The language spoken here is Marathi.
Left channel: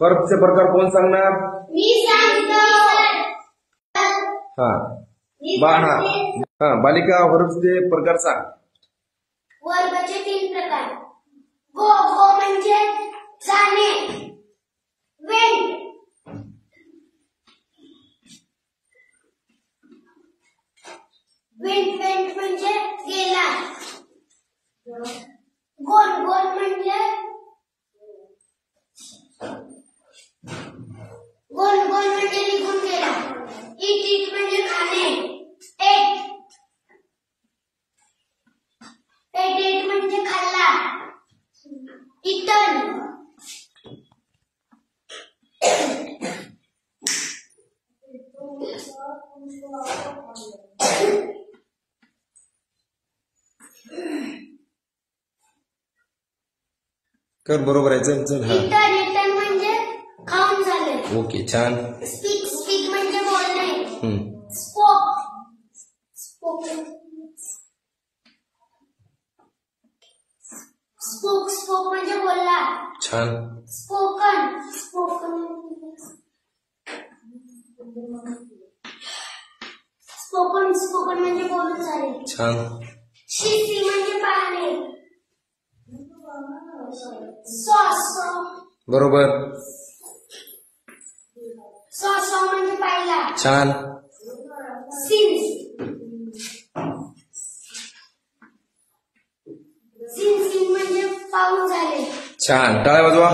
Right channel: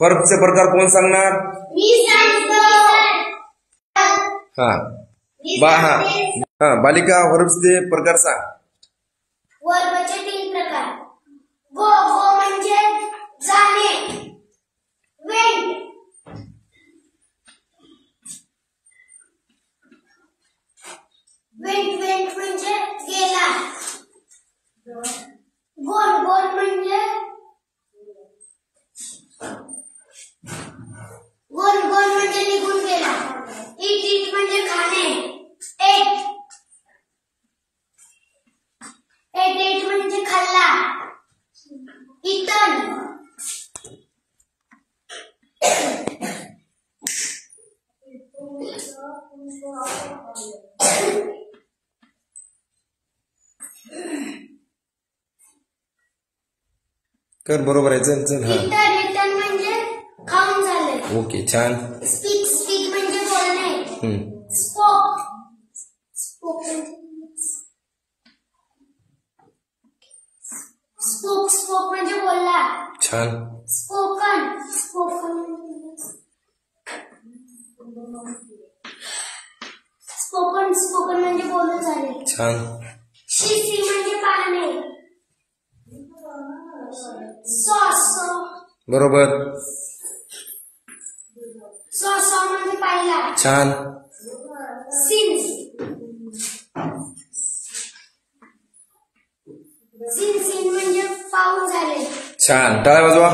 वर्बचे प्रकार कोण सांगणार? मी सांगतो. बालिका वर्बचे प्रकार सांग. वर्बचे 3 प्रकार. गो म्हणजे जाणे. वेंट म्हणजे गेला. गोन म्हणजे निघून गेला. इट म्हणजे खाणे. एट म्हणजे खाल्ला. इटन कर बरोबर आहे. चल चल. इटन म्हणजे खाऊन झाले. ओके छान. स्पीक म्हणजे बोलणे. स्पोक म्हणजे बोलला. छान. स्पोकन म्हणजे बोलून झाले. छान. सी म्हणजे पाहणे. सॉस बरोबर. सॉस म्हणजे पाहिला. छान. सीन म्हणजे पाहून झाले. छान. टाळ्या वाजवा.